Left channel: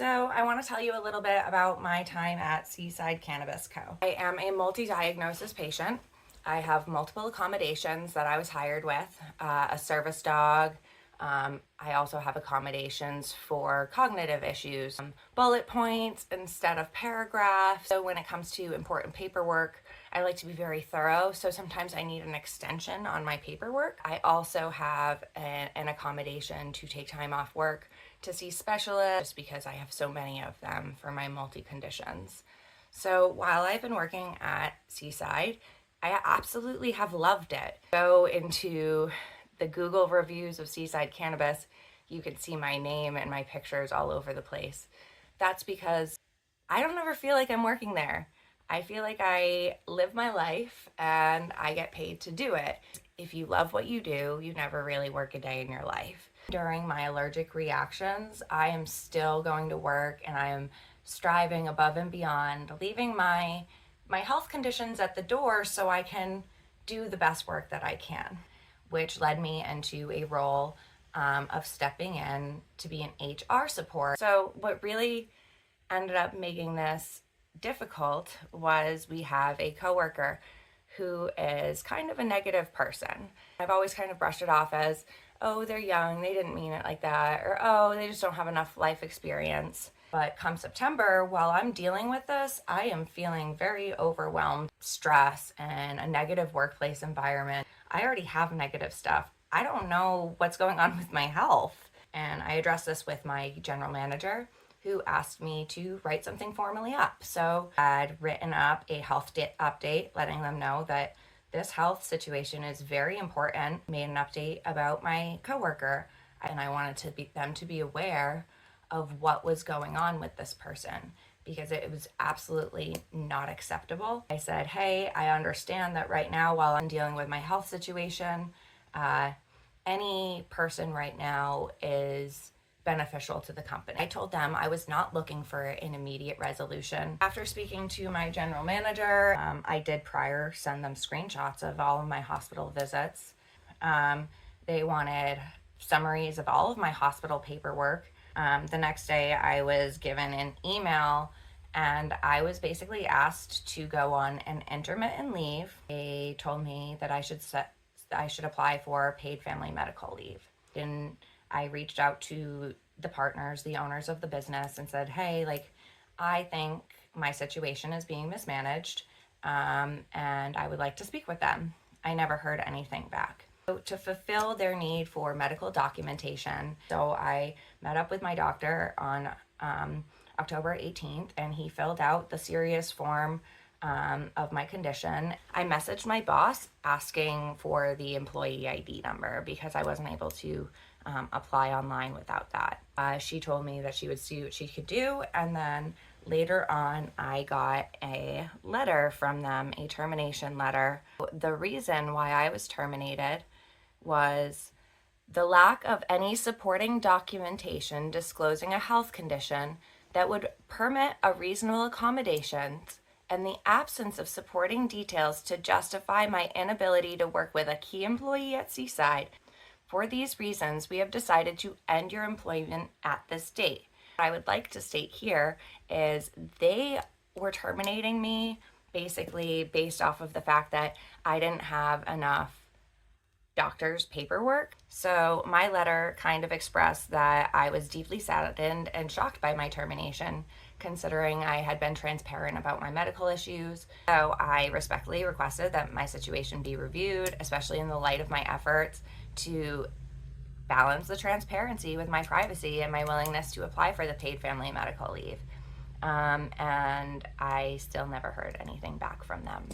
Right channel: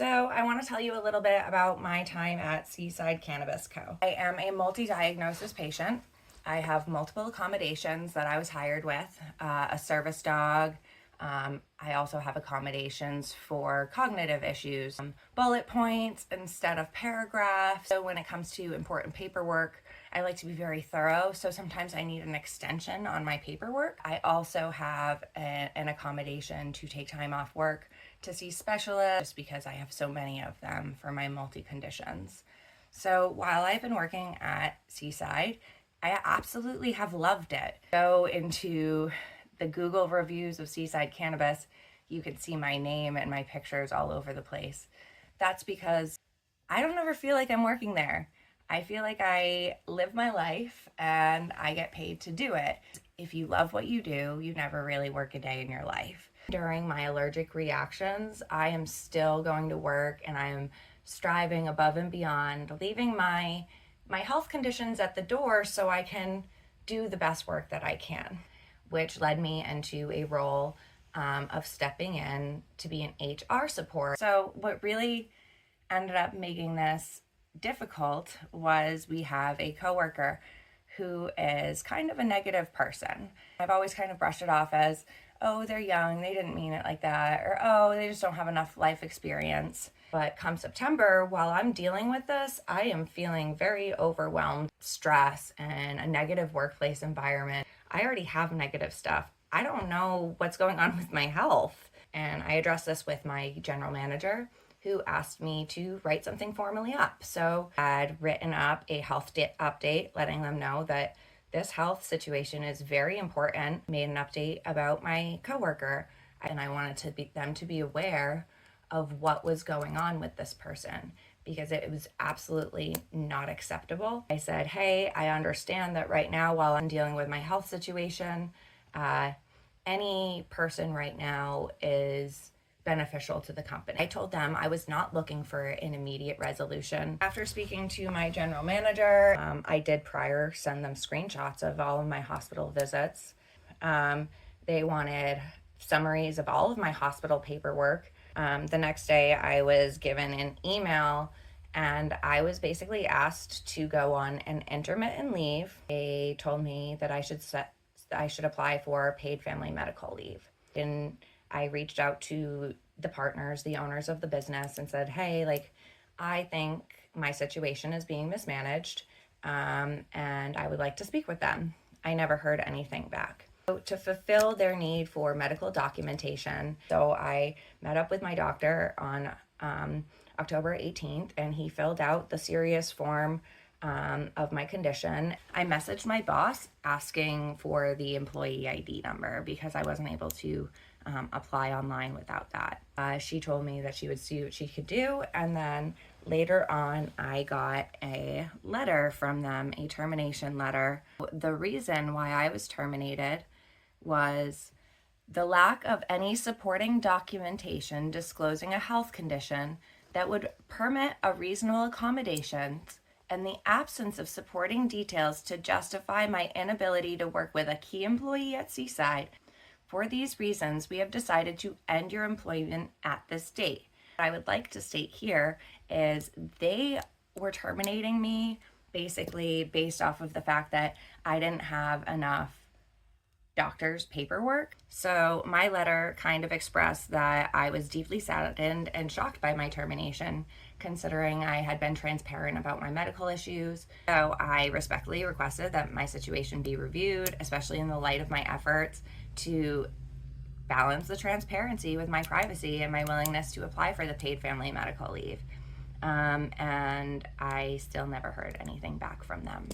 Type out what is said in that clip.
So I want to tell you a little bit about my time at Seaside Cannabis Co. I am a multi-diagnosis patient. I have multiple accommodations that I was hired with, a service dog. I also have accommodations for cognitive issues, bullet points instead of paragraphs. So when it comes to important paperwork, I like to be very thorough. So sometimes I need an extension on my paperwork. I also have an accommodation to take time off work to see specialists because I have so many of them for my multi-conditions. So while I've been working at Seaside, I absolutely have loved it. Go into the Google reviews of Seaside Cannabis, you can see my name and my pictures all over the place. That's because I don't ever feel like I'm working there. I feel like I live my life and I get paid to do it. If you love what you do, you never really work a day in your life. During my allergic reactions, I am still going to work and I am striving above and beyond, leaving my health conditions at the door so I can do the best work that I can, which led me into a role of stepping in to be an HR support. So what really ended up making this difficult was we have a coworker who is kind of a negative person. I've always kind of brushed it off as, oh, they're young, they didn't mean it like that, or oh, they just don't have enough life experience. But come September, while I'm dealing with this, I am feeling very overwhelmed, stress, and a negative workplace environment. I already have negative stuff. I don't know what's going on with my health. And I addressed this with my general manager, who asked me to write something formally up. So I had written up a health update, letting them know that this health situation is very important. Made an update about my coworker, and I wanted them to be aware of what was going on with this person because it was absolutely not acceptable. I said, hey, I understand that right now while I'm dealing with my health situation, any person right now is beneficial to the company. I told them I was not looking for an immediate resolution. After speaking to my general manager, I did prior send them screenshots of all of my hospital visits. They wanted summaries of all of my hospital paperwork. The next day I was given an email and I was basically asked to go on an intermittent leave. They told me that I should apply for paid family medical leave. And I reached out to the partners, the owners of the business, and said, hey, I think my situation is being mismanaged, and I would like to speak with them. I never heard anything back. So to fulfill their need for medical documentation, so I met up with my doctor on October 18th, and he filled out the serious form of my condition. I messaged my boss asking for the employee ID number because I wasn't able to apply online without that. She told me that she would see what she could do, and then later on I got a letter from them, a termination letter. The reason why I was terminated was the lack of any supporting documentation disclosing a health condition that would permit a reasonable accommodation and the absence of supporting details to justify my inability to work with a key employee at Seaside. For these reasons, we have decided to end your employment at this date. What I would like to state here is they were terminating me basically based off of the fact that I didn't have enough doctor's paperwork. So my letter kind of expressed that I was deeply saddened and shocked by my termination, considering I had been transparent about my medical issues. So I respectfully requested that my situation be reviewed, especially in the light of my efforts to balance the transparency with my privacy and my willingness to apply for the paid family medical leave. And I still never heard anything back from them.